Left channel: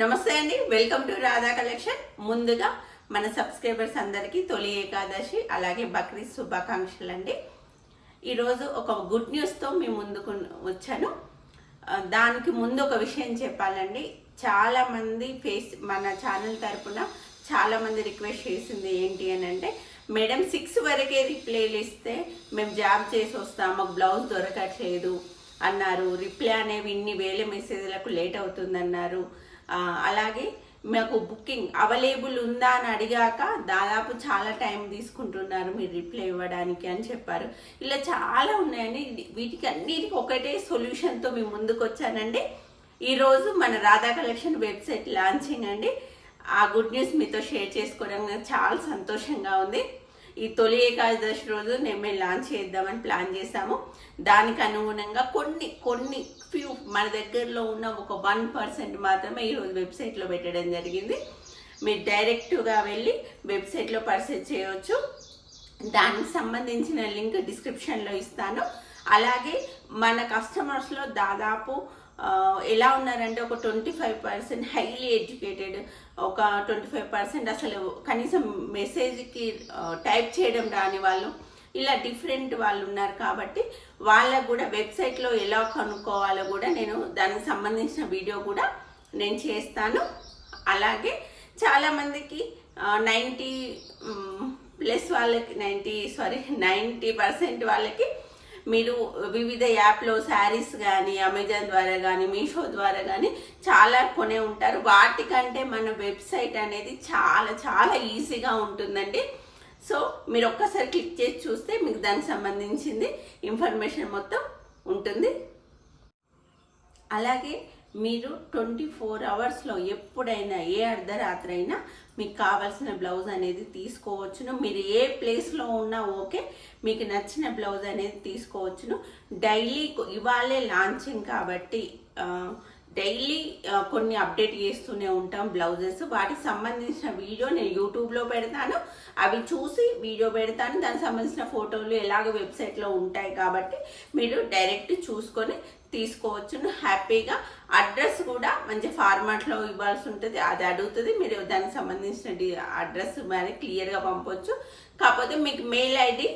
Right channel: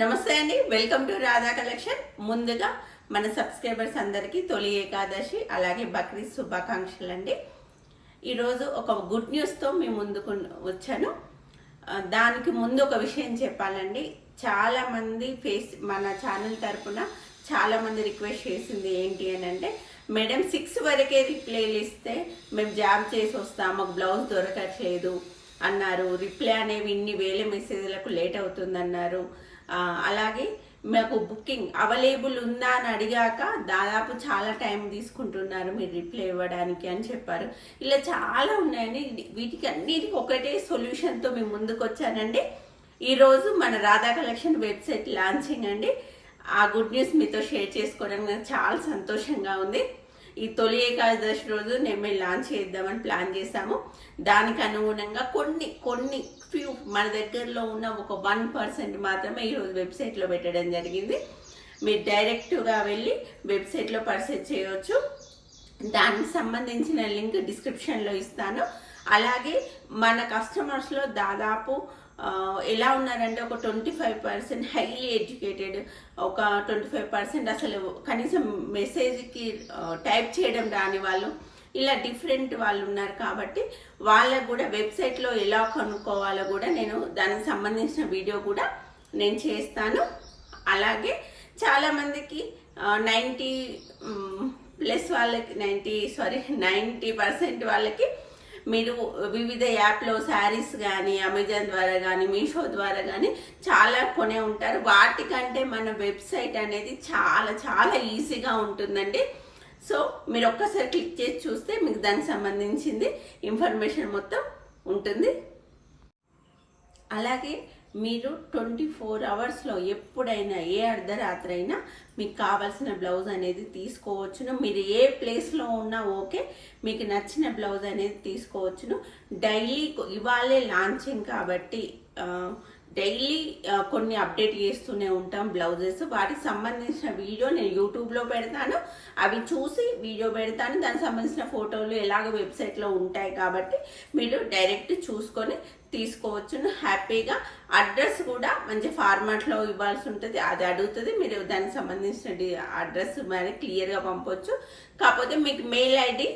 నమస్తే అండి. Welcome to Radha collection. ముందుగా మన సబ్స్క్రైబర్స్ అందరికీ తొలి ఏకాదశి అలాగే బక్రీద్ శుభాకాంక్షలు అండి ఈరోజు ఒక గుడ్ న్యూస్తో మీ ముందుకు వచ్చాను. దానికి ముందు ఒక విషయం చెప్పాలండి. చాలామంది ఫేస్ మన ఛానల్ తరపున చాలామంది రిక్వెస్ట్ చేసింది ఏంటి అని అంటే మేడం సిక్స్ వరకే రిప్లైలు ఇస్తే మేము జాబ్ చేసి వస్తాం మాకు బ్లౌజ్ దొరకట్లేదు అన్నారు. రిప్లై అనేవి ఇన్ని వేల మెసేజ్లకు లేట్ అవుతుందన్నారు. అలాగే మాకు బుకింగ్ అవైలబుల్ ఉందా అని అడిగాక దాదాపు చాలా టైం తీసుకుంటున్నారు మీరు రిప్లై ఇవ్వడానికి అని చెప్పారు. ఇలా చాలా ఉన్నాయండి. వీటికి అన్నిటికీ ఒకటే సొల్యూషన్తో మేము ముందుకు వచ్చానండి. ఈరోజు మన రాధా కలెక్షన్ వెబ్సైట్ లాంచింగ్ అండి. ఆ గుడ్ న్యూస్ మీతో షేర్ చేసుకోవడం చాలా సంతోషంగా ఉంది. ఈ తొలి ఏకాదశి రోజు నేను మేము లాంచ్ చేద్దామని ప్లాన్ చేశాము. దానికి అనుగుణంగా కొన్ని కొన్ని ఫ్యూ మన దగ్గరలో ఉన్న ఒక వన్ పర్సెంట్ మాత్రమే ఈరోజు వెబ్సైట్లో పెట్టడం జరిగింది. మీరు డైరెక్ట్గా వెళ్ళి వెబ్సైట్లో పర్చేజ్ చేయవచ్చు దానికి సంబంధించిన లింక్ డిస్క్రిప్షన్లో ఇస్తాను. అలాగే మన కస్టమర్స్లో దాదాపు ఎలా ఉన్నారంటే ఒక twenty five percent highly educated ఒక ట్వంటీ ఫైవ్ పర్సెంట్ అసలు కనీసం మెసేజ్కి టైప్ చేయడం రాని వాళ్ళు ఇలా డిఫరెంట్ వాళ్ళు ఉన్నారు కాబట్టి వాళ్ళకు కూడా వెబ్సైట్లో ఎలా కనుక్కోవాలో కూడా నేను దానికి సంబంధించిన వీడియో కూడా నేను చేస్తాను. అలాగే చాలామందికి నైంటీ ప్లస్ వాళ్ళకి నైంటీ సారీ నైంటీ పర్సెంట్ వాళ్ళకి మీరు వివిధ యాప్లో శారీస్ కానీ అమెజాన్ ద్వారా కానీ మీషో ద్వారా కానీ చాలా కొనే ఉంటారు. వాటికంటే మన వెబ్సైట్ అనేది చాలా చాలా ఈజీగా ఉంటుందండి. సో మీరు ఒక్కసారి క్లిక్ చేసి చూస్తే మీకు దానికి సంబంధించింది ఇన్ఫర్మేషన్ మొత్తం ఉంటుంది. అలాగే మీరు ట్వంటీ ఫోర్ అవర్స్లో ఎప్పుడైనా ఏ అర్ధరాత్రి అయినా మీకు కావాల్సిన బ్లౌజ్ అనేది తీసుకోవచ్చును. మీరు ఏ ప్లేస్లో ఉన్నా ఓకే మీకు నచ్చిన బ్లౌజ్ అనేది తీసుకోవచ్చును. డైలీ ఇవాళే లాంచింగ్ కాబట్టి డైలీ కొన్ని అప్డేట్ చేస్తూనే ఉంటాం బ్లౌజెస్. వాటికి సంబంధించిన వీడియో నేను యూట్యూబ్లో పెడతాను. అవి చూసి వీడియో పెడతాను. దానికి సంబంధించిన ఫోటోలు ఎలాగ వెబ్సైట్లో ఉంటాయి కాబట్టి మీరు డైరెక్ట్ చూసుకొని తీసుకోవచ్చును. హ్యాపీగా అడ్రస్ కూడా మంచి ఫార్మాట్లో ఇవ్వాల్సి ఉంటుంది. అది అడుగుతుంది. మీరు దానికి సంబంధించిన అడ్రస్ మరి క్లియర్గా పంపొచ్చు. కాకపోతే మీకు మెయిల్ ఐడి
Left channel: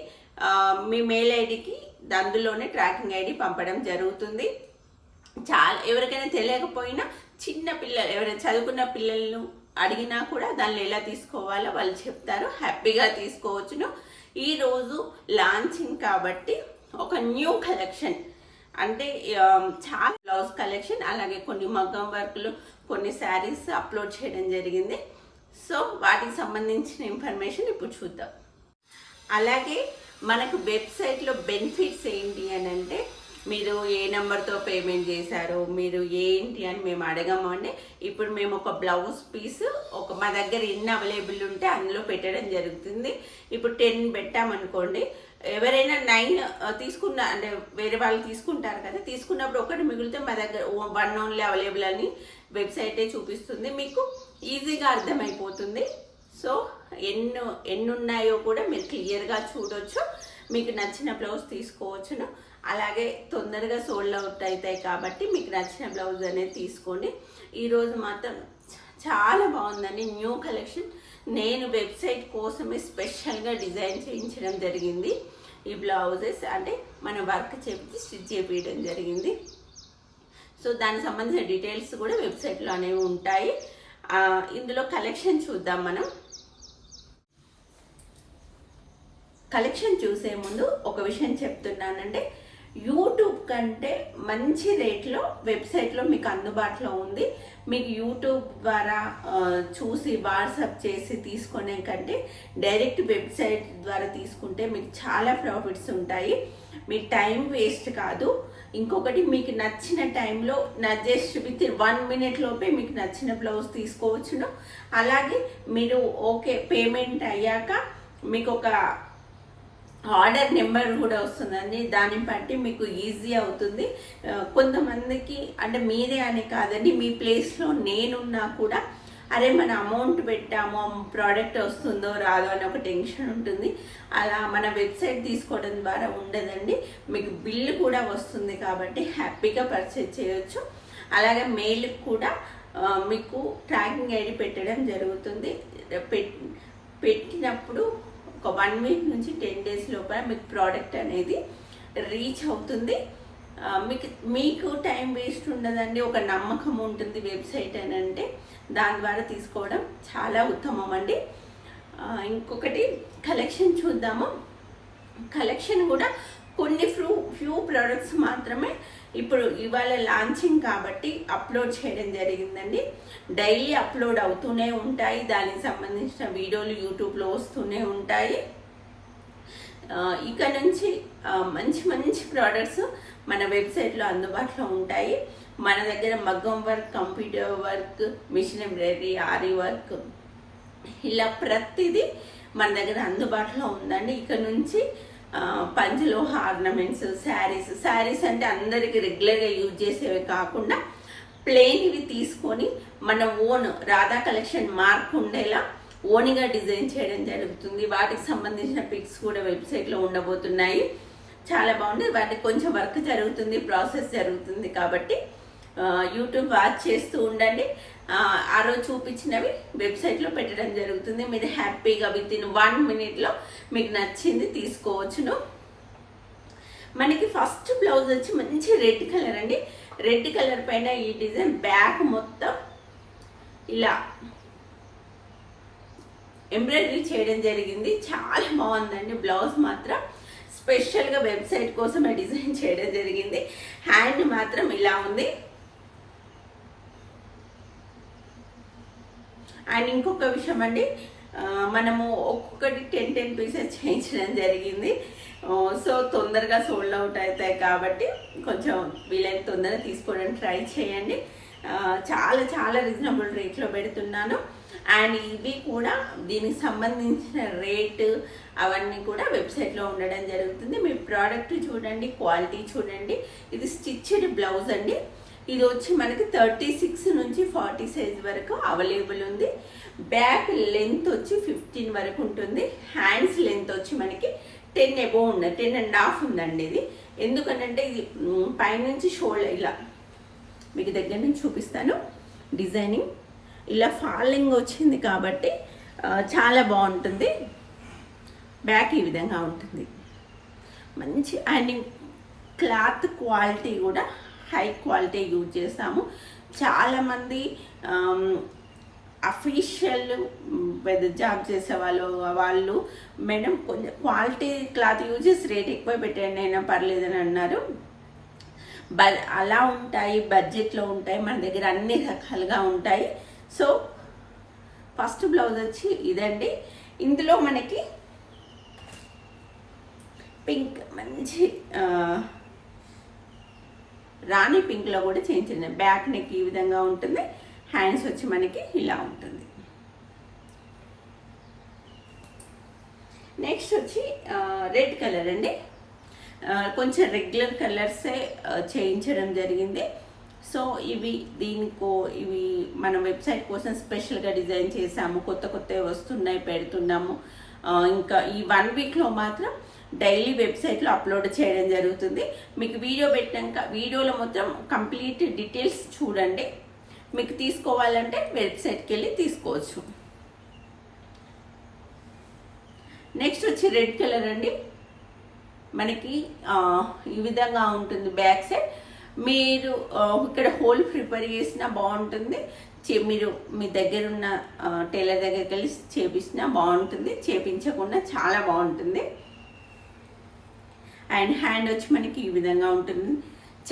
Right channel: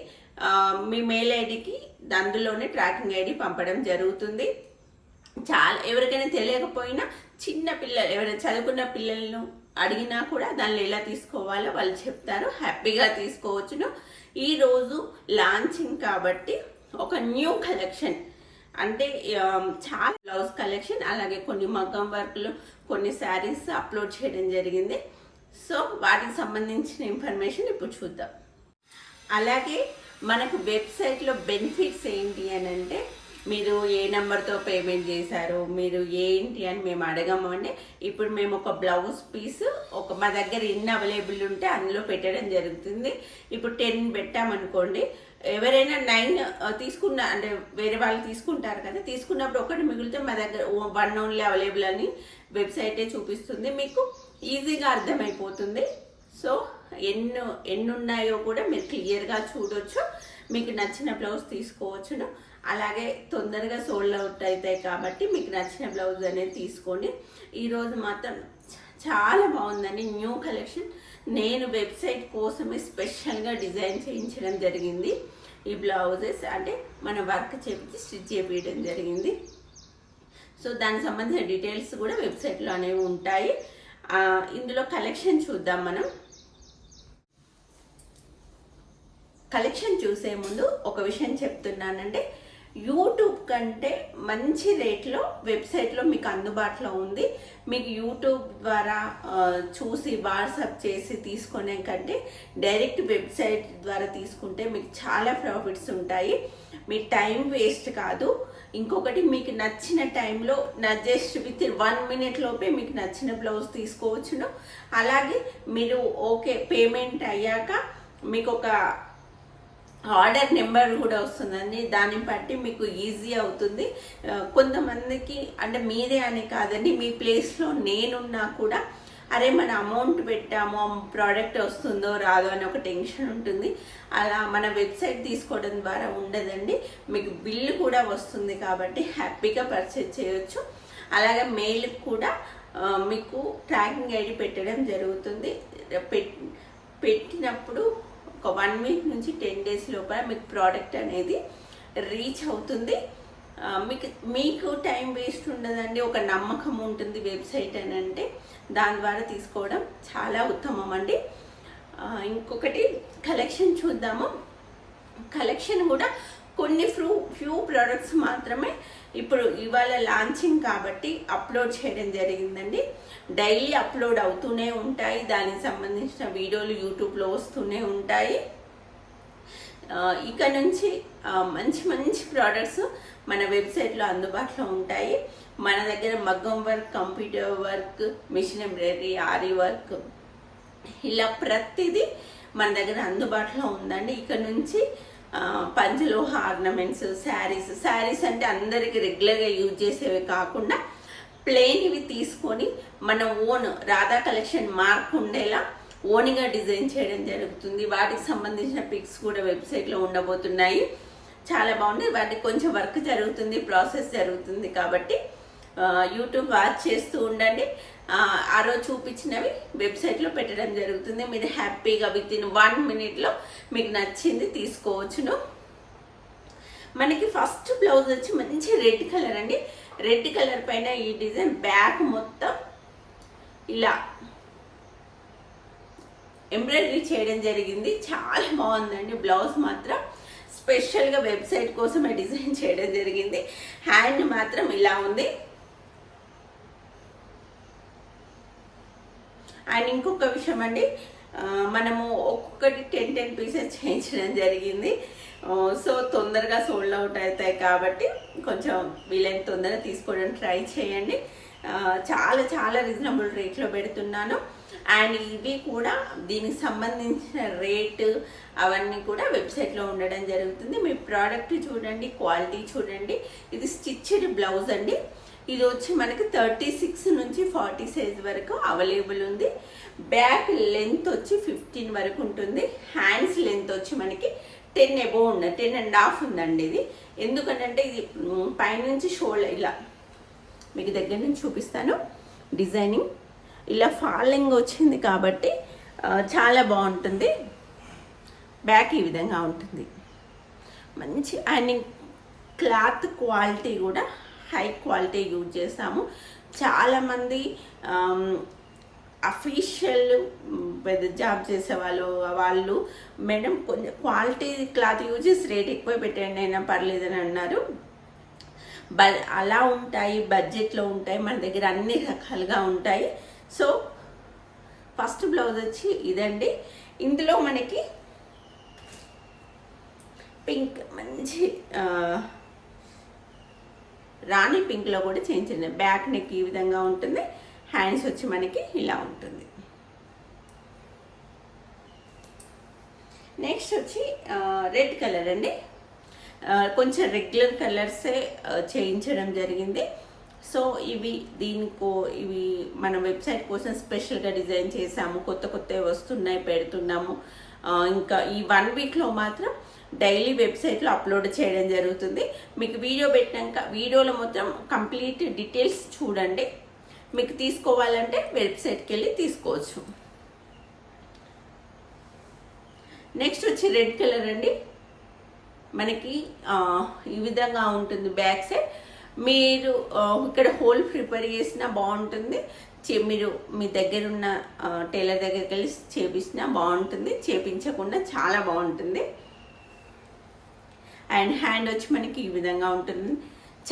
మీ మెయిల్ ఐడికి అందులోనే ట్రాకింగ్ ఐడి పంపడం జరుగుతుంది. చాలా ఎవరికైనా తెలియకపోయినా చిన్న పిల్లలు ఎవరైనా చదువుకున్న పిల్లలను అడిగినా కూడా దాన్ని ఎలా తీసుకోవాలో వాళ్ళు చెప్తారు. హ్యాపీగా తీసుకోవచ్చును. ఈరోజు లాంచింగ్ కాబట్టి ఒక న్యూ కలెక్షన్ అంటే um, చాలా బ్లౌజ్ కలెక్షన్ అలాగే కొన్ని మగ్గం వర్క్లు కొన్ని శారీస్ అప్లోడ్ చేయడం జరిగింది. సో వాటికి సంబంధించిన ఇన్ఫర్మేషన్ ఇప్పుడు చూద్దాం. అలాగే మనకు వెబ్సైట్లో బెనిఫిట్స్ ఏంటి అని అంటే మీరు ఏ నెంబర్తో పేమెంట్ చేశారు మీరు ఏంటి అని మేము అడగము అండి ఇప్పుడు మేము ఒక బ్లౌజ్ పీస్ ఒక మా దగ్గర ఎన్ని అవైలబుల్ ఉంటే అందులో పెట్టడం జరుగుతుంది. ఇప్పుడు టెన్ పెట్టామనుకోండి ఎవరైనా నైన్ తీసుకున్న అంటే వేరే వాళ్ళు తీసుకుంటారు కదా తీసుకున్నప్పుడు ఒకటి మిగిలితే మా దగ్గర వన్ ఓన్లీ అవైలబుల్ అని వెబ్సైటే చూపిస్తుంది. మీకు ఈజీగా అర్థమైపోతుంది. సో ఎన్ని ఎన్ని ఉన్నాయో కూడా మీరు క్లియర్గా చూడొచ్చు. మీకు నచ్చిన బ్లౌజ్ తీసుకోవచ్చును. అలాగే తొందరగా సోల్డ్ అవుట్ అవుతాయి కాబట్టి మీకు నచ్చిన బ్లౌజ్ అనేది తీసుకోండి. ఈరోజు మాత్రం చాలా బాగుందండి. New collection. నేను వెబ్సైట్ కోసమే స్పెషల్గా డిజైన్ చేయించడం జరిగింది. ఈ బ్లౌజెస్ అంటే మన వర్క్ చేపించి స్టిచ్ చేపించడం జరిగింది. సో దానికి సంబంధించిన డీటెయిల్స్ కూడా వెబ్సైట్లో అనేవి ఉంటాయి ఇందులో కలెక్షన్ చూద్దాం మనం. కలెక్షన్ చూసే ముందు ఒక విషయం చెప్తున్నానంటే కంటే మంచి రేట్లో వెబ్సైట్లో మీకు అందుబాటులో ఉంది. మీకు యూట్యూబ్ ద్వారా చూసి వాట్సాప్ చేసి తీసుకునే కంటే డైరెక్ట్ వెబ్సైట్ ద్వారా తీసుకుంటే మీకు చాలా ప్రాఫిట్స్ ఉంటాయి. మీ టైం వేస్ట్ కాదు. ఇంకొకటి మీకు నచ్చిన టైంలో నా జస్ట్ విత్ వన్ మినిట్ లోపే మీకు నచ్చిన బ్లౌజ్ తీసుకోవచ్చును. అలాగే మీరు ఓకే పేమెంట్ అయ్యాక మీకు ఒక ఆర్డర్ నెంబర్ కూడా వస్తుందండి. దాన్ని బట్టి మీకు ఈజీ అవుతుంది. కొంతమందికి అంటే మీరే అని కాదండి మీ ప్లేస్లో నేనున్నా కూడా అరే మన అమౌంట్ పెట్టాము ప్రోడక్ట్ వస్తుందో రాదో అని ఒక టెన్షన్ ఉంటుంది. అలా మన వెబ్సైట్ తీసుకోవడం ద్వారా ఉండదండి. మీకు బిల్లు కూడా వస్తుంది కాబట్టి హ్యాపీగా పర్చేజ్ చేయొచ్చు. అలాగే మెయిల్ కూడా మీకు ట్రాకింగ్ ఐడి పెట్టడం జరుగుతుంది. పెట్టినప్పుడు ఒక వన్ వీక్ నుంచి టెన్ డేస్ లోపల మీకు ప్రోడక్ట్ అనేది రీచ్ అవుతుంది. మీకు మీకు టైం వేస్ట్ ఉండదండి. ఒక నమ్మకం ఉంటుంది వెబ్సైట్ అని అంటే. దాని ద్వారా తీసుకోవడం చాలా ఉత్తమం అండి. ఇంకొకటి కలెక్షన్ చూద్దాము. కలెక్షన్ కూడా కొన్ని ఫ్రూ ఫ్యూ ప్రోడక్ట్స్ మాత్రమే ఇప్పుడు ఇవాళ లాంచింగ్ కాబట్టి అప్లోడ్ చేయడం జరిగిందండి. డైలీ అప్లోడ్ అవుతూనే ఉంటాయి. దానికి సంబంధించిన వీడియోలు యూట్యూబ్లో వస్తూనే ఉంటాయి. ఇక నుంచి మంచి మంచి ప్రోడక్ట్స్ మన వెబ్సైట్లో అందుబాటులో ఉంటాయి. మన దగ్గర మగ్గం work computer work machine embroidery ఆరి వర్క్ ఇలా ప్రతిదీ మన దగ్గర అందుబాటులో ఉందండి. ఇక నుంచి పంచలోహ ఆర్నమెంట్స్ శారీస్ శారీస్ అంటే అందరికీ రెగ్యులర్గా యూజ్ చేసేవి కాకుండా ప్లెయిన్ ఇవి తీసుకొని మన ఓన్ రాధా కలెక్షన్ మార్క్ ఉండేలా ఓన్గా డిజైన్ చేయడం జరుగుతుంది. వాటికి సంబంధించిన పిక్స్ కూడా వెబ్సైట్లో ఉండబోతున్నాయి. చాలా బాగుంది. వాటికి కొంచెం వర్క్ జరుగుతుంది ప్రాసెస్ జరుగుతుంది కాబట్టి యూట్యూబ్ వాచ్ చేస్తూ ఉండండి. ఆ, ఆ రోజు చూపించినవి వెబ్సైట్లో పెట్టడం జరుగుతుంది. మీరు హ్యాపీగా విత్ ఇన్ వన్ మినిట్లో మీకు నచ్చింది తీసుకోవచ్చును. మనకి ఫస్ట్ బ్లౌజ్ వచ్చి మంచి రెడ్ కలర్ అండి. రెడ్ కలర్ పైన ఈ డిజైన్ బ్యాక్ మొత్తం ఇలా ఎంబ్రాయిడరీ చేయడం జరిగింది. చాలా బాగుందండి. బ్లౌజ్ మాత్రం స్పెషల్గా వెబ్సైట్ కోసమే డిజైన్ చేయడం జరిగింది. హ్యాండ్ మాత్రం ఇలా ఉంది. అండ్ ఇంకొక విషయం అండి మనము ఒక్కొక్కటి టెన్ టెన్ పీసెస్ చేయించడం జరిగింది. సో తొందరగా సోల్డ్ అవుట్ అవుతాయి కాబట్టి కొంచెం వీలైన తొందరగా తీసుకోవడానికి ట్రై చేయండి. చాలా చాలా రీజనబుల్ రేట్లో పెడుతున్నాను. అండ్ ఇవి కూడా దీనికి సంబంధించిన రేటు అవన్నీ కూడా వెబ్సైట్లో ఉండడం జరుగుతుంది. మీ ప్రోడక్ట్ చూడండి క్వాలిటీ చూడండి. ఇది స్టిచ్డ్ బ్లౌజ్ అండి. ఇది వచ్చి మనకి థర్టీ సిక్స్ నుంచి ఫార్టీ సైజ్ వరకు అవైలబుల్ ఉంది. బ్యాక్ లెంత్ వచ్చి ఫిఫ్టీన్ వరకు ఉంటుంది. హ్యాండ్స్ లెంత్ వచ్చి మనకి టెన్ ఎబో ఉంది టెన్ అండ్ హాఫ్ ఉందండి ఇది. ఎందుకంటే ఇది పైనుంచి షోల్డర్ ఇలా మీకు దగ్గర నుంచి చూపిస్తాను. డిజైనింగ్. ఇలా ఫాలింగ్ వచ్చింది కాబట్టి చాలా బాగుంటుంది. బ్యాక్ ఈ విధంగా ఉంటుంది. మంచి అండ్ క్లాత్ క్వాలిటీ కూడా హై క్వాలిటీ యూజ్ చేసాము చాలామంది అఫీషియల్ పెద్ద జాబ్ చేసే వాళ్ళు వాళ్ళు మేడం కొంచెం క్వాలిటీ క్లాత్ యూజ్ చేసి రేట్ ఎక్కువ పెట్టండి అయినా పర్లేదని అన్నారు. బ అలా ఉంటాయి బడ్జెట్లో ఉంటాయి మన దగ్గర అన్ని రకాలుగా ఉంటాయి. సో ఫస్ట్ బ్లౌజ్ వచ్చి ఇదండి. ఇందులో మనకి పింక్ మంచి రాణి పింక్లో కూడా చేయించండి బ్యాక్ నెక్ ఈ విధంగా ఉంటుంది. హ్యాండ్స్ వచ్చి మనకి ఇలా ఉంటుంది. నెక్స్ట్ వచ్చి రెడ్ కలర్ అండి. కొంచెం రెగ్యులర్ కలర్సే చేయించడం జరిగింది. సో ఇవి దీనికో ఇవి మన వెబ్సైట్ కోసం స్పెషల్గా డిజైన్ చేసాము కొత్త కొత్తవి వస్తున్నాయి పెడుతున్నాము. ఇంకా ఈ వన్ వీక్లో మాత్రం డైలీ వెబ్సైట్లో అప్లోడ్ చేయడం జరుగుతుంది. మీకు వీడియో పెట్టినాక వీడియోలో మొత్తం కంప్లీట్ డీటెయిల్స్ చూడండి. మీకు తీసుకోవాలంటే వెబ్సైట్కి వెళ్ళి తీసుకోవచ్చు. నెక్స్ట్ వచ్చి రెడ్ కలర్ అండి. మనకి ఈ విధంగా ఉంటుంది బ్యాక్ సైడ్. మీరు ఇక్కడ హోల్ ప్రిపేర్ చేసినా బాగుంటుంది. చే- మీరు మీ దగ్గర ఉన్న టైలర్ దగ్గరికి వెళ్ళి చేపించినా బాగుంటుంది. చేపించకుండా చాలా బాగుంటుంది. అండ్ హ్యాండ్ వచ్చి మనకి ఈ విధంగా ఉంటుంది.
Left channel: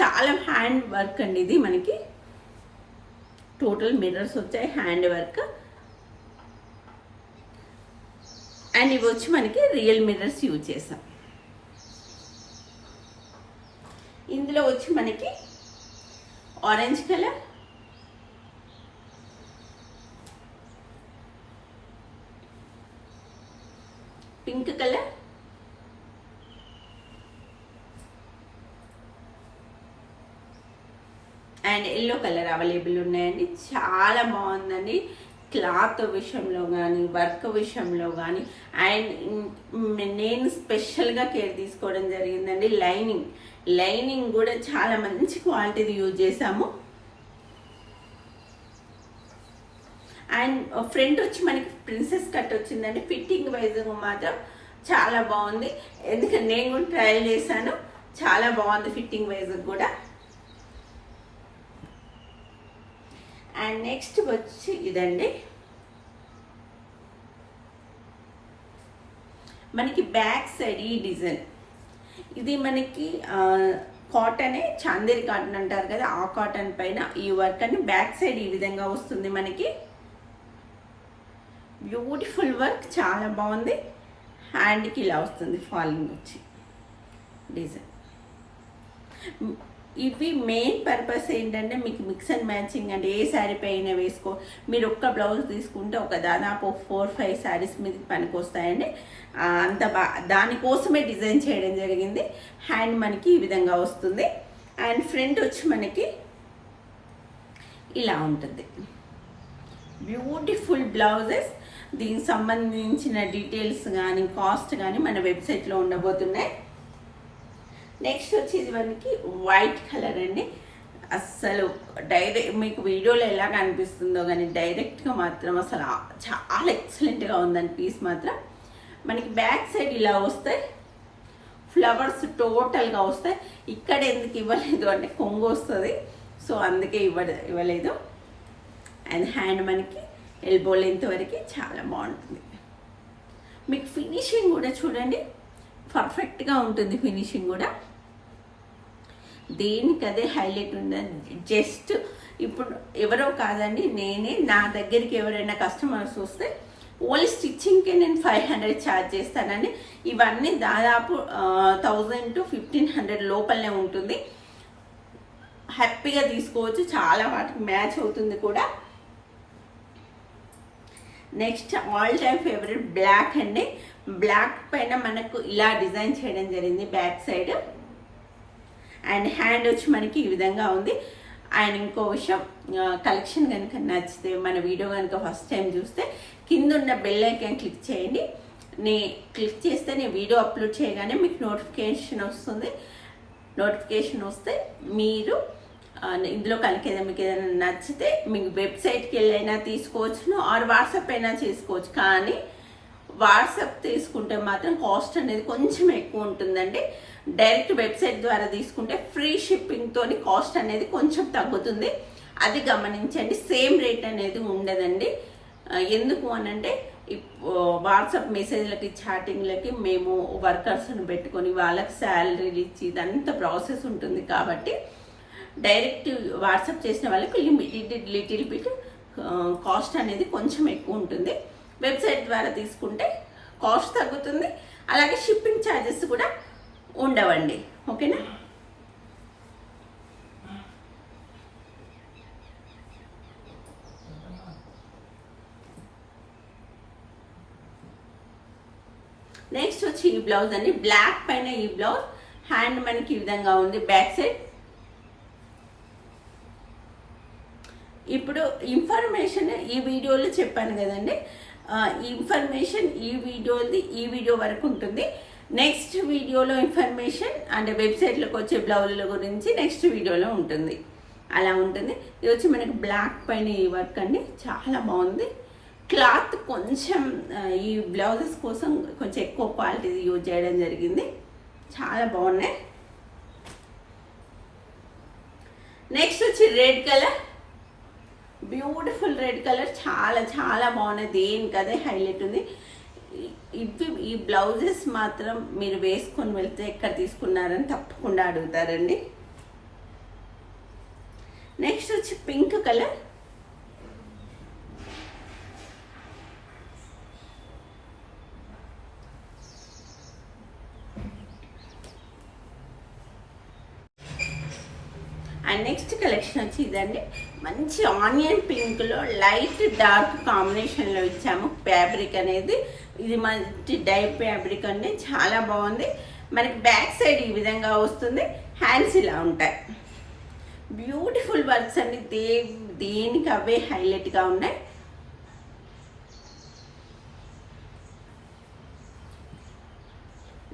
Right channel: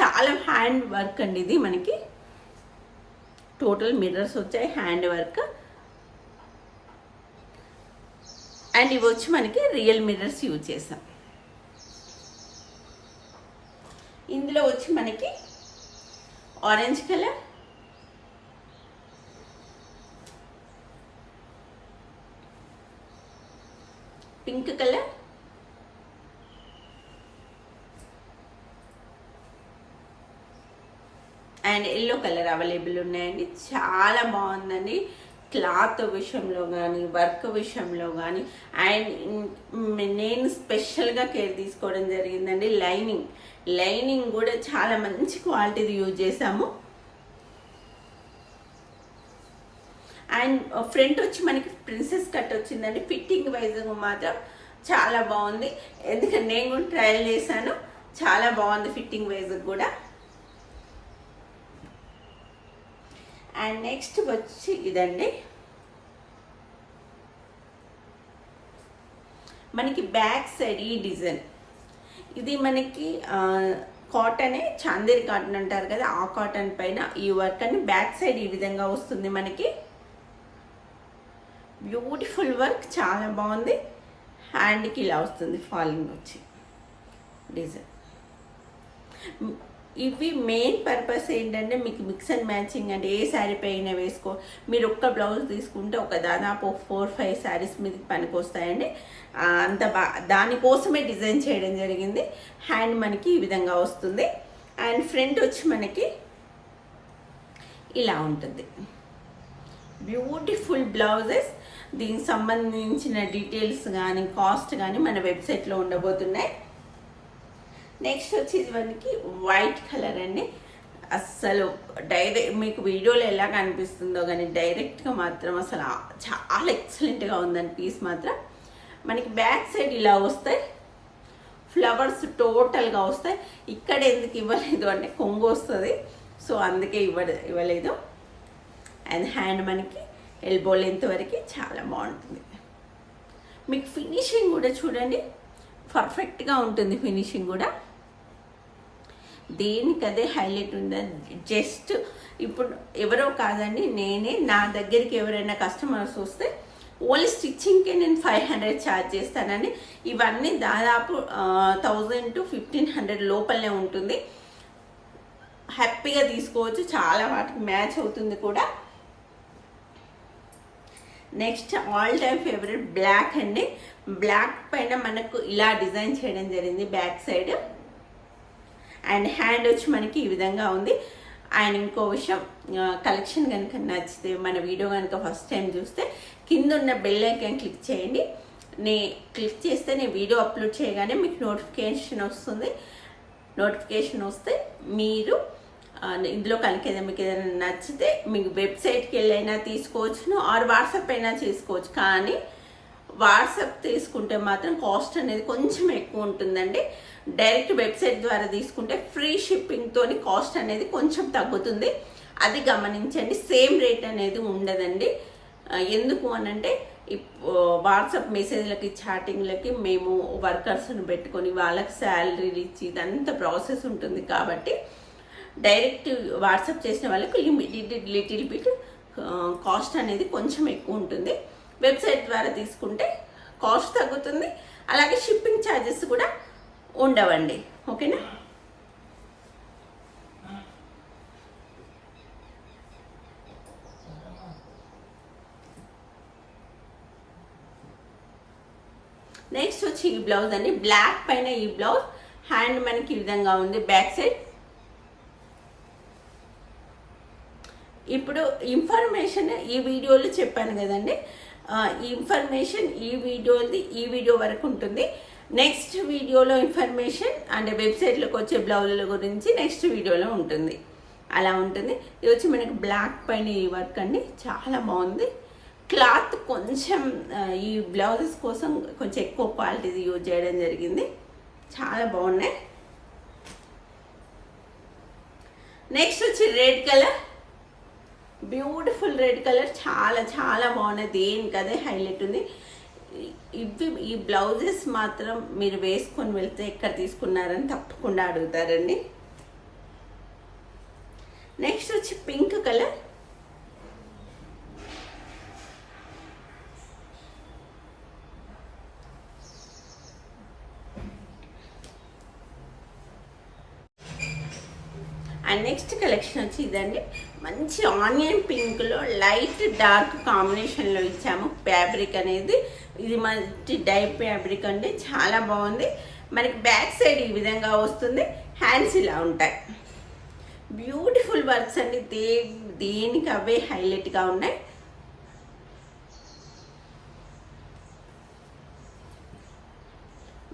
చాలా హ్యాండ్ వర్క్ అండి ఇది మనకి. టోటల్ మిర్రర్స్ వచ్చాయి హ్యాండ్ వర్క్ అండ్ ఇవి వచ్చి మనకి రియల్ మిర్రర్స్ యూజ్ చేసాం. ఇందులో వచ్చి మనకి orange colour pink colour and yellow colour available ఉన్నాయండి. చాలా బాగుందండి. క్లాత్ విషయంలో కానీ వర్క్ విషయంలో కానీ అండ్ నేను స్పెషల్గా కేర్ తీసుకోవడం జరిగిందండి. లైనింగ్. లైనింగ్ కూడా చాలా మంచి క్వాలిటీది యూజ్ చేసాము అండ్ ఫ్రంట్ వచ్చి మనకి ప్రిన్సెస్ కట్ వచ్చిందండి. ఫిట్టింగ్ వైజ్ మాత్రం చాలా బాగుంది. ఎందుకంటే నేను కూడా ట్రయల్ చేశాను. చాలా బాగుంది ఫిట్టింగ్ వైజ్ కూడా. అండ్ నెక్స్ట్ వచ్చి ఇదండి. మనకి బ్యాక్ సైడ్ ఈ డిజైన్. ఇది మనకి కాటనే చాందేరి కాటన్ అంటారు కదా ఆ కాటన్ పైన ఈ వర్క్ అని బ్యాక్ సైడ్ ఈ విధంగా వస్తుంది మనకి. బ్యూటిఫుల్ వర్క్ చాలా బాగుంది. హ్యాండ్కి ఇలా వస్తుంది ఫాలింగ్ వచ్చి. డిజైన్. ఇవి మెయిన్ పర్పస్ ఏంటంటే మీకు మిక్స్ అండ్ మ్యాచింగ్ అంటే ఏ శారీ పైన వేసుకో మీరు ఒక్క బ్లౌజ్ తీసుకుంటే ఒక దాదాపు ఫోర్ ఫైవ్ శారీస్ మీద పనికొస్తాయండి. అంత బా దానికోసమే డిజైన్ చేయడం జరిగింది. హ్యాండ్ మనకి ఈ విధంగా వస్తుంది. అండ్ ఫ్రంట్ వచ్చి మనకి ఇలా ఉంటుంది. బ్యూటిఫుల్ బ్లౌజెస్ దీనికి సంబంధించిన డీటెయిల్స్ కానీ కాస్ట్ కానీ మన వెబ్సైట్లో ఉండబోతున్నాయి. నెక్స్ట్ వచ్చి మనకి వైట్ కలర్ అండి. అస్సలు డైరెక్ట్ మీకు వీడియోలో ఎలా కనిపిస్తుందో కానీ డైరెక్ట్గా మాత్రం అసలు చాలా ఎక్సలెంట్గా ఉందండి పీస్ మాత్రం. మనకి బ్యాక్ సైడ్ ఇలా వస్తాయి. ఫ్లవర్స్ టోటల్గా వస్తాయి. ఇక్కడ ఎందుకు ఇవ్వలేదు అంటే కొంగు వస్తుంది. సో అందుకే ఇవ్వ ఇవ్వలేదు. అండ్ హ్యాండ్ మనకి ఎల్బో లెంత్ వరకు చాలా బాగుంటుంది. మీకు ఫినిషింగ్ కూడా చూడండి. పర్ఫెక్ట్గా ఉంటుంది ఫినిషింగ్ కూడా. దేనికి అదే హైలైట్ ఉందని జస్ట్ ఇప్పుడు ఎవరో కాదండి నేనే నా దగ్గరికి ఎవరైనా కస్టమర్స్ వస్తే ఓన్లీ స్టిచ్చింగ్కే నేను ఫైవ్ హండ్రెడ్ ఛార్జ్ చేస్తానండి. ఇవన్నీ దాదాపు థౌజండ్ టు ఫిఫ్టీన్ హండ్రెడ్ లోపలనే ఉంటుంది. హ్యాపీగా తీసుకోవచ్చు చాలా వాటికి మ్యాచ్ అవుతుంది కూడా. Next all time favourite black అండి. బ్లాక్ పైన మనకు ఇలా డిజైన్ చేయడం జరిగింది బ్యాక్ సైడ్. అండ్ హ్యాండ్ వచ్చి మనకి ఈ విధంగా ఉంది. అండ్ ఇంకో విషయం కలెక్షన్ కనుక నచ్చితే మన వీడియో కనుక ఫస్ట్ టైం చూస్తే కింద ఉన్న బెల్ ఐకాన్ క్లిక్ చేయండి. నే క్లిక్ చేస్తే నేను వీడియో అప్లోడ్ చేయగానే మీకు నోటిఫికేషన్ వస్తుంది. నోటిఫికేషన్ వస్తే మీరు ఇందులో కనుక ఏదైనా మీకు ఏదైనా నచ్చితే మీకు వెబ్సైట్కి వెళ్ళైనా తీసుకోవచ్చును ఆర్ వాట్సాప్ అయినా చేసుకోవచ్చు. కానీ వాట్సాప్ తీసుకుంటే మాత్రం కాస్ట్ అనేది కొంచెం ఎక్కువ ఉంటుందండి. డైరెక్ట్ వెబ్సైట్ ద్వారా తీసుకుంటే ఫ్రీ షిప్పింగ్తో కాస్ట్ అనేది కొంచెం తగ్గుతుంది. అది గమనించండి. సేమ్ రేట్ అనేది ఉండదండి. ఎందుకు అనంటే వాట్సాప్ మెసేజ్లకి చాటింగ్లకి మేము వర్కర్స్ని పెట్టుకొని వాళ్ళకి శాలరీలు ఇచ్చి ఇదంతా ప్రాసెస్ ఉంటుంది కాబట్టి డైరెక్ట్ వాట్సాప్ చేసిన వాళ్ళకి లిమిటెడ్ లిటిల్ బిట్ కాస్ట్ అనేది కొంచెం ఎక్కువ ఉంటుంది. వెబ్సైట్ ద్వారా తీసుకుంటే కాస్ట్ తగ్గుతుంది. అలాగే షిప్పింగ్ ఛార్జెస్ కూడా ఉండవండి. ఓకేనా? నెక్స్ట్ వచ్చి ఈ బ్లౌజ్ అండి. బ్లాక్ పైన ఈ బ్లౌజ్. హ్యాండ్ మనకి ఈ విధంగా ఉంది. Back side. ఇప్పుడు ఇన్ఫర్మేషన్ ఈ వీడియోలో చెప్పాను కదండి. ఇన్ఫర్మేషన్ ఈ వీడియోది ఈ వీడియో వరకు ఉంటుంది. నెక్స్ట్ వీడియోలో ఇన్ఫర్మేషన్ అంటే వెబ్సైట్లోకి వచ్చే బ్లౌజుల గురించి నెక్స్ట్ వీడియోలో ఉంటుంది. అలా ఉంటుంది. ఇది వచ్చి మనకి బ్లాక్ పైన ఈ వర్క్ అండి. చాలా బాగుంది. క్లాత్ కొంచెం ఈ బ్లౌజెస్ కోసం కొంచెం ఎక్కువ క్వాలిటీ యూజ్ చేయడం జరిగింది. చాలా బాగున్నాయి. నెక్స్ట్ వచ్చి red colour beautiful red colour చాలా చాలా బాగున్నాయి. దేనికి అదే హైలైట్ ఉంది. ఇవి ఈ బ్లౌజెస్ మాత్రం మీరు వేసుకొని వెళ్తే ఎక్కడ తీసుకున్నారని తప్పకుండా అడుగుతారండి. నెక్స్ట్ వచ్చి pink colour. And next collection వచ్చి ఇదండి. మంచి ఆనియన్ పింక్లో లైట్ డార్క్ కాంబినేషన్లో ఇచ్చాము. ఫ్యాబ్రిక్ అనేది ఇది మంచి డై ఫ్యాబ్రిక్ అండి. చాలా బాగుంది. మనకి బ్యాక్ సైడ్ ఈ విధంగా వస్తుంది. హ్యాండ్స్ ఇలా ఉంటాయి. బ్యూటిఫుల్ వర్క్స్ అండి. దే దేనికి అవే హైలైట్గా ఉన్నాయి.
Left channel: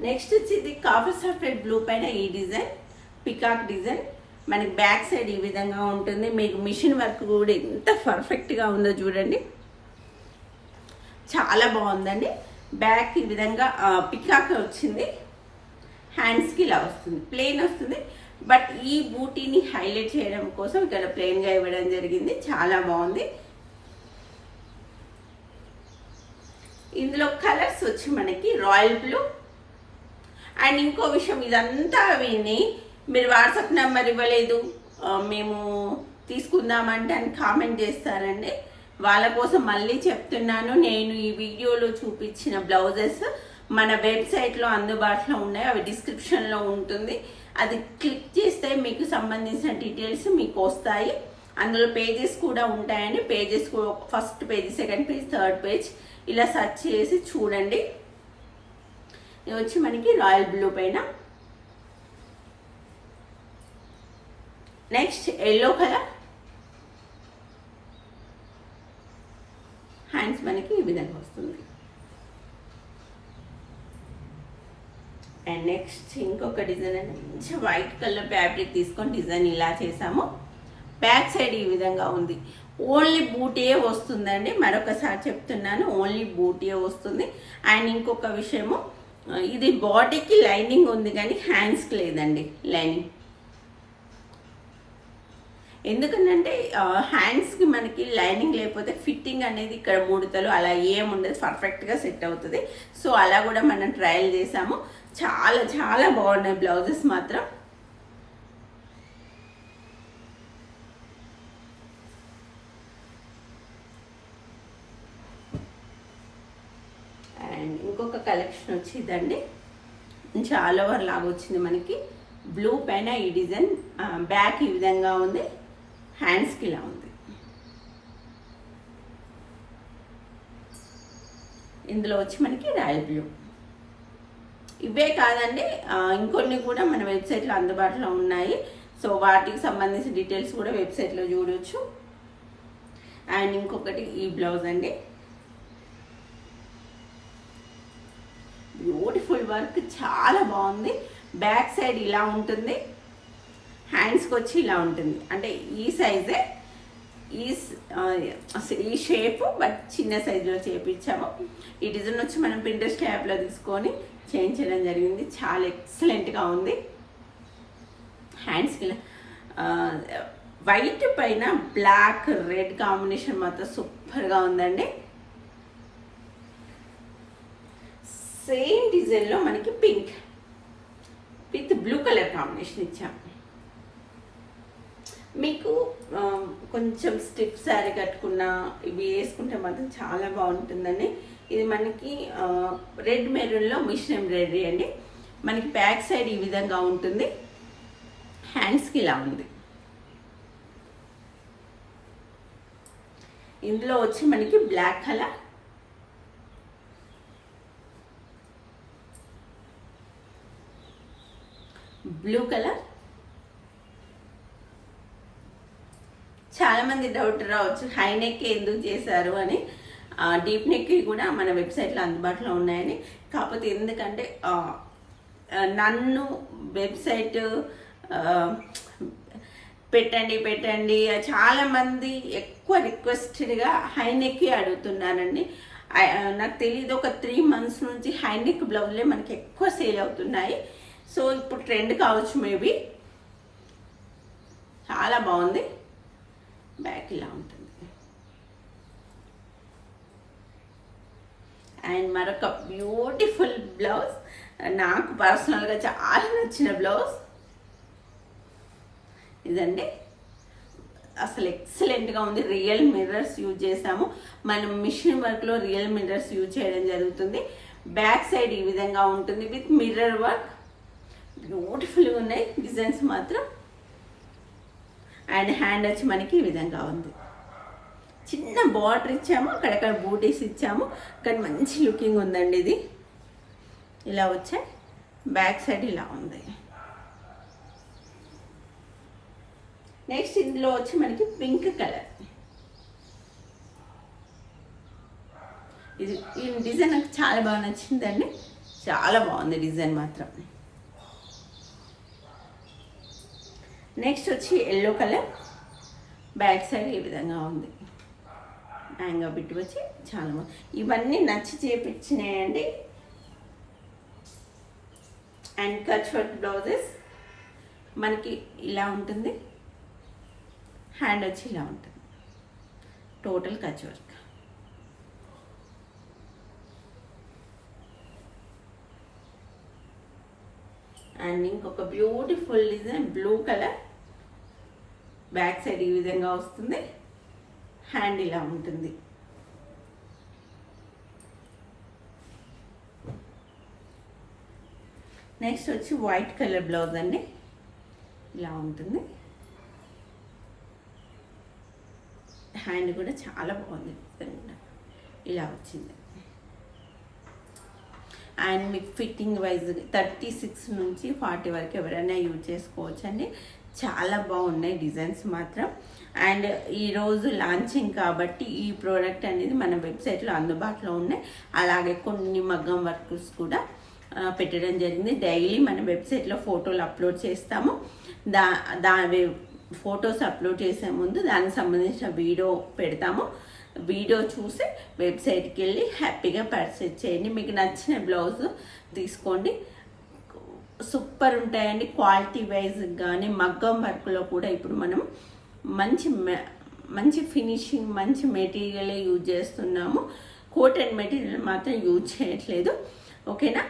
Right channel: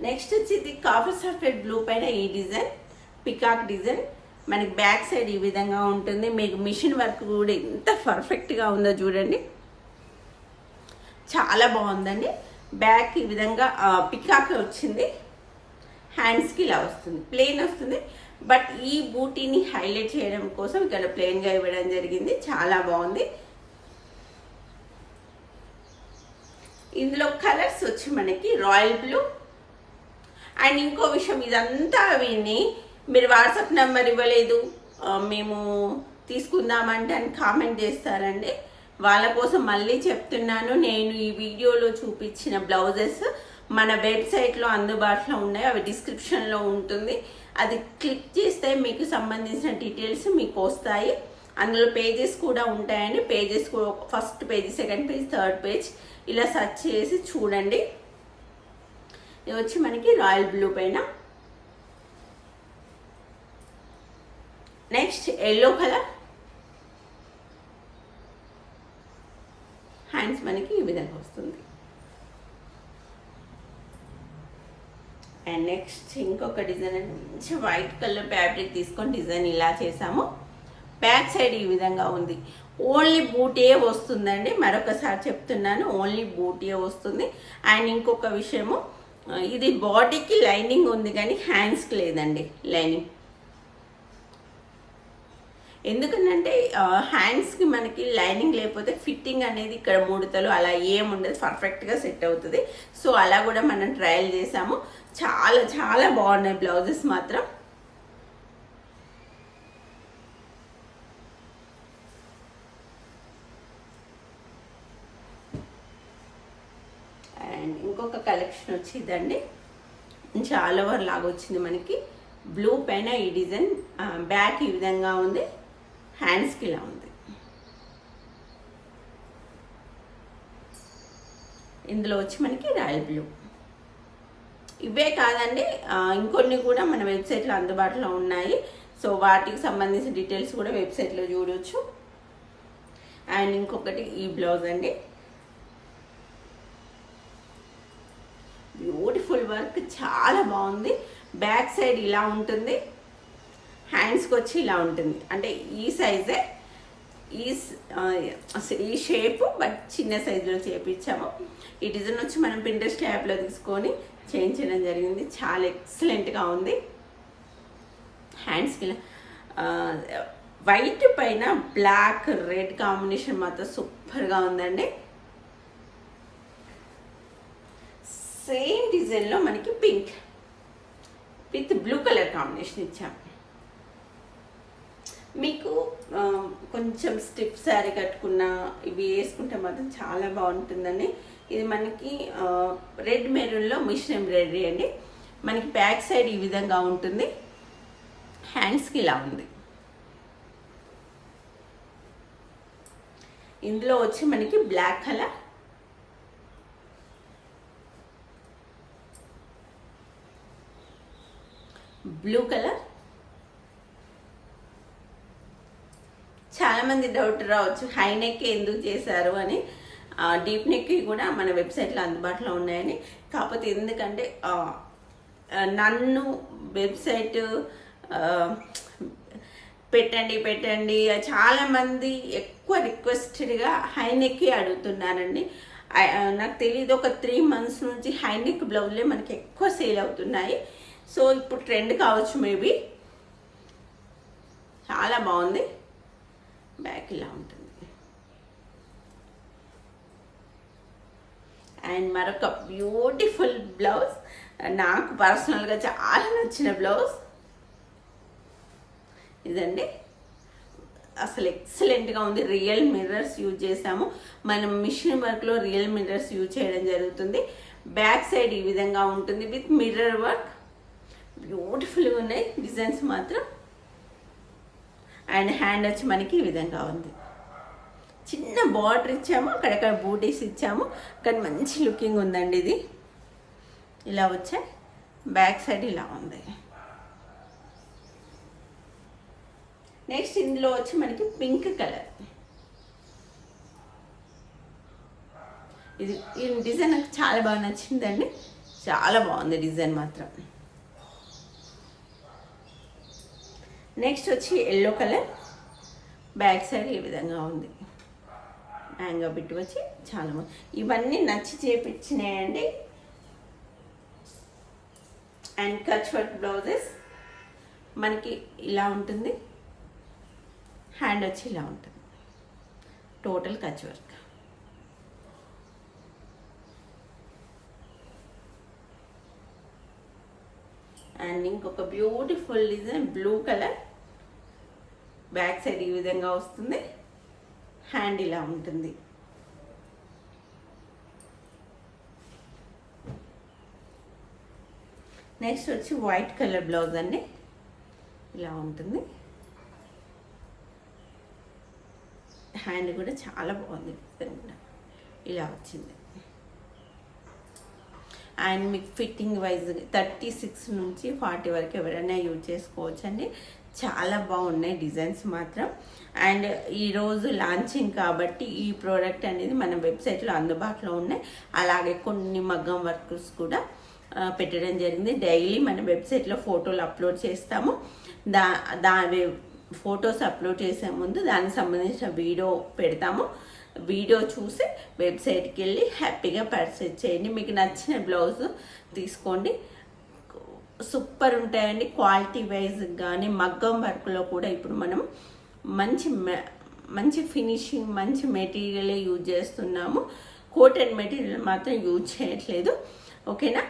నెక్స్ట్ వచ్చి ఇది కాఫీ సఫెడ్ బ్లూ పైన ఈ డిజైన్ పికాక్ డిజైన్. మనకి బ్యాక్ సైడ్ ఈ విధంగా ఉంటుంది. మీకు మిషన్ వర్క్ కూడా ఎంత పర్ఫెక్ట్గా ఉందో చూడండి. చాలా బాగుందండి. బ్యాక్ ఈ విధంగా పికాక్ వచ్చింది. హ్యాండ్స్కి ఇలా వస్తుంది. ప్లెయిన్ వస్తుంది. బట్ ఈ బూటీని హైలైట్ చేయడం కోసం ఇక్కడ ప్లెయిన్గా ఇవ్వడం జరిగింది. చాలా బాగుంది. ఇందులో కలర్స్ వచ్చి మనకి రాయల్ బ్లూ అండ్ ఇంకో విషయం ఇదంతా విని మీరు వాట్సాప్ నెంబర్ ఇవ్వలేదు. మేము తీసుకుందామంటే అని కామెంట్ చేస్తారండి. వాళ్ళ కోసం మళ్ళీ చెప్తున్నాను నేను ఈ వీడియోలో చూపించిన బ్లౌజెస్ మన వెబ్సైట్లో అందుబాటులో ఉన్నాయి. అవి డిస్క్రిప్షన్లో ఉంటుంది. అది క్లిక్ చేస్తే మీకు సంబంధించిన డీటెయిల్స్ మీకు వస్తాయి. అందులో పేజెస్ కూడా ఉంటాయండి. Pages first page second page third page ఇలా సెర్చ్ చేసి చూడండి. ఇది వచ్చి మనకి రాయల్ బ్లూ పైన. నెక్స్ట్ ఎల్లో కలర్ హ్యాండ్స్ మనకి ఈ విధంగా వస్తుంది. అండ్ నెక్స్ట్ ఇంకొక డిజైన్ అంటే మంచి వైట్ కలర్ ఫ్యాబ్రిక్ తీసుకొని డిజైన్ ఇలా చేసాము బ్యాక్ సైడ్ ఈ విధంగా ఉంది. ఓన్లీ బూటీయే వస్తుందండి. మరొకసారి చెప్తున్నాను. ఓన్లీ బూటే వస్తుంది. అండ్ ఇంకొక విషయము ఇది బాడీకి లైనింగ్ ఉంది కానీ హ్యాండ్స్కి లేదండి. లైనింగ్ ఎందుకంటే హ్యాండ్స్కి మనకి లైనింగ్ లేకపోతే ఫిట్టింగ్ అనేది ఇక్కడ ముడతలు అలా ఏముండదు పర్ఫెక్ట్గా సెట్ అవుతుంది. సో అలా కూడా మనం ట్రయల్ చేసాము. చాలా చాలా బాగున్నాయి బ్లౌజెస్ మాత్రం. అండ్ ఇంకొక కలెక్షన్ వచ్చిందండి. చాలా ఓవర్ లాగా వచ్చింది మనకి. బ్లూ పైన ఈ డిజైన్ బ్యాక్ ఈ విధంగా ఉంది. హ్యాండ్స్కి ఇలా ఉంది. ఇందులో వచ్చి మనకి రాయల్ బ్లూ. ఇవే కాదండి ఇంకొన్ని కూడా మన వెబ్సైట్లో అందుబాటులో ఉన్నాయి. సో వాటికి సంబంధించిన డీటెయిల్స్ కూడా వెబ్సైట్లో చూడవచ్చు అండ్ ఇంకొకటి ఈ బ్లౌజ్ అండి. బ్యూటిఫుల్ వర్క్ చాలా బాగుంది. బ్యాక్ సైడ్ ఇలా ఉంటుంది. హ్యాండ్స్కి వచ్చి ఇలా ఉంటుంది. అంటే ఈ సైజే ఈ ఈ షేప్ బట్ చిన్న సైజులో చేపించాము. ఈ డిజైన్ వచ్చి మనం పింట్రెస్ట్ యాప్లో తీసుకొని చేయించడం జరిగింది. చాలా ఎక్సలెంట్గా ఉంది. హ్యాండ్స్కి వైట్ పైన బ్లాక్ రెడ్ కాంబినేషన్ మాత్రం సూపర్గా ఉందండి. సేమ్ డిజైన్లో మనకి pink with blue colour combination ఇచ్చాము. మీకు కొంచెం స్టిప్ శారీ కట్టుకున్న ఇవి వేసుకుంటే మాత్రం చాలా బాగుంటుందండి. ఇది మనకి రెడ్ మెరూన్లో మిషన్ ఎంబ్రాయిడరీ అండి. మనకి బ్యాక్ సైడ్ ఈ విధంగా ఉంటుంది. హ్యాండ్స్కి ఇలా ఉంది. ఇందులో వచ్చి మనకి బ్లాక్ కలర్. Blue colour. చాలామంది డౌట్ రావచ్చు హై నెక్ ఎందుకు చేశారు అని. డీప్ నెక్ కూడా మన వెబ్సైట్లో అందుబాటులో ఉన్నాయని. కాకపోతే ఎందుకంటే నన్ను వెబ్సైట్ పెట్టండి పెట్టండి చాలామంది ఎక్కువ రిక్వెస్టెడ్గా హై నెక్ అడుగుతున్నారండి నాకు తెలియదు ఒక త్రీ మంత్స్ నుంచి హై నెక్ బ్లౌజ్లే మనకి ఎక్కువ సేల్ అవుతున్నాయి. సో ఇప్పుడు ట్రెండ్ కావచ్చు మేబీ. చాలా బాగుంది. బ్యాక్ ఇలా ఉంటుంది. అండ్ మరొక బ్యూటిఫుల్ బ్లౌజ్. నాకు పర్సనల్గా చాలా నచ్చిన బ్లౌజ్. ఇదండి. అసలు ఎక్సలెంట్గా ఉంది. రియల్ మిర్రర్స్ యూజ్ చేసాము మనం మిషన్ వర్క్లో రియల్ మిర్రర్స్ యూజ్ చేయడం జరుగుతుంది. బ్యాక్ సైడ్ ఈ విధంగా ఉంటుంది విత్ మిర్రర్ వర్క్. బ్యూటిఫుల్గా ఉన్నాయి. డిజైన్స్ మాత్రం అండ్ హ్యాండ్ వచ్చి మనకి ఈ విధంగా ఉంది. చిన్న బార్డర్ ఇచ్చాము అక్కడక్కడ బూటీస్ ఇచ్చాము. కానీ మంచి లుకింగ్ ఉందండి ఇది. ఇలా వచ్చాయి బ్యాక్ సైడ్ ఇలా ఉంది. నెక్స్ట్ ఇందులో వచ్చి మనకి పింక్ కలర్. ఇది ఈ డిజైన్ నాకు చాలా బాగా నచ్చిందండి. చాలా బాగుంది డిజైన్ మాత్రం. నెక్స్ట్ వచ్చి ఎల్లో కలర్ బ్యాక్ సైడ్ ఈ విధంగా ఉంది. హ్యాంగా బిట్ వచ్చి చాలా బాగుంది. ఇవన్నీ నచ్చి చేపించినాయండి. అండ్ కచ్ వర్క్ బ్లౌజెస్ మనకి ఇలా ఉంటుంది. హ్యాండ్ వచ్చి ఇలా ఉంటుంది. టోటల్ కచ్ వర్క్ అండ్ ఇంకొక beautiful design blue colour back side ఈ విధంగా వస్తుంది. హ్యాండ్ ఇలా ఉంటుంది. నెక్స్ట్ వచ్చి వైట్ కలర్ బ్లౌజ్ అండి. ఇలా ఉంటుంది. హ్యాండ్ కూడా చాలా బాగుంది. కూడా ఇలా వచ్చింది. అండ్ మీకు ఫిట్టింగ్ వైజ్ థర్టీ సిక్స్ నుంచి ఫార్టీ వరకు ఎవరైనా యూజ్ చేసుకోవచ్చు అండి చాలా బాగున్నాయి డిజైన్స్ మాత్రం. అండ్ ఈరోజు లాంచింగ్ కాబట్టి ఈ ప్రోడక్ట్ అనేది మన వెబ్సైట్లో అందుబాటులో ఉన్నాయి. అలాగే కొన్ని మగ్గం వర్క్స్ కూడా పెట్టడం జరిగింది. డైలీ మన వెబ్సైట్లో ఫోటోలు అప్లోడ్ చేస్తాము. దా దా ఫొటోస్ అప్లోడ్ చేసే ముందు దానికి సంబంధించిన వీడియో పెడతాము. వీడియో చూసి వెబ్సైట్కి వెళ్ళి హ్యాపీగా పర్చేజ్ చేయండి. మీకు నచ్చిన బ్లౌజ్ తీసుకోండి. సూపర్ ఉంటాయండి. క్వాలిటీ వైజ్ కానీ మగ్గం వర్క్లో కూడా ఇప్పుడు మనం మంచి మె- మంచి ఫినిషింగ్ మంచి మెటీరియలే యూజ్ చేస్తున్నాము. కోటెడ్ మెటీరియల్ మాత్రం యూజ్ చేయట్లేదు. ఓకేనా?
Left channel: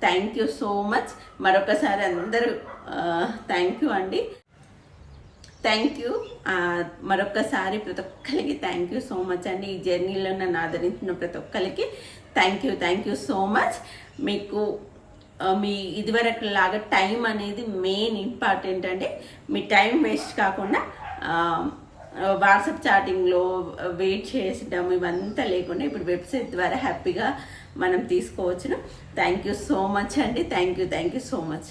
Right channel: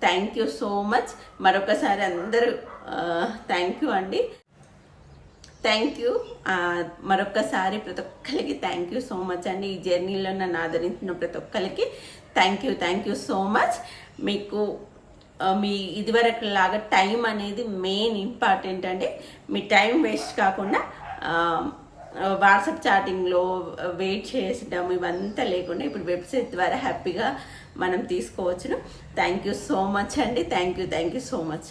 Thank you so much. మరొకసారి అందరూ థ్యాంక్ యూ అండి. Thank you. మరొకసారి ప్రతి ఒక్కరికి థ్యాంక్ యూ సో మచ్ అండి. ఈ జర్నీలో నన్ను ఆదరించిన ప్రతి ఒక్కరికి thank you thank you so much. మీకు మీ ఇదివరకు లాగా టైం అనేది మెయిన్ ఇంపార్టెంట్ అండి. మీ టైం వేస్ట్ కాకుండా వాట్సాప్ చాటింగ్లో వెయిట్ చేసడం ఇవంతా లేకుండా ఇప్పుడు వెబ్సైట్ ద్వారా హ్యాపీగా మనం తీసుకోవచ్చును. థ్యాంక్ యూ సో మచ్ అండి. Thank you thank you so much.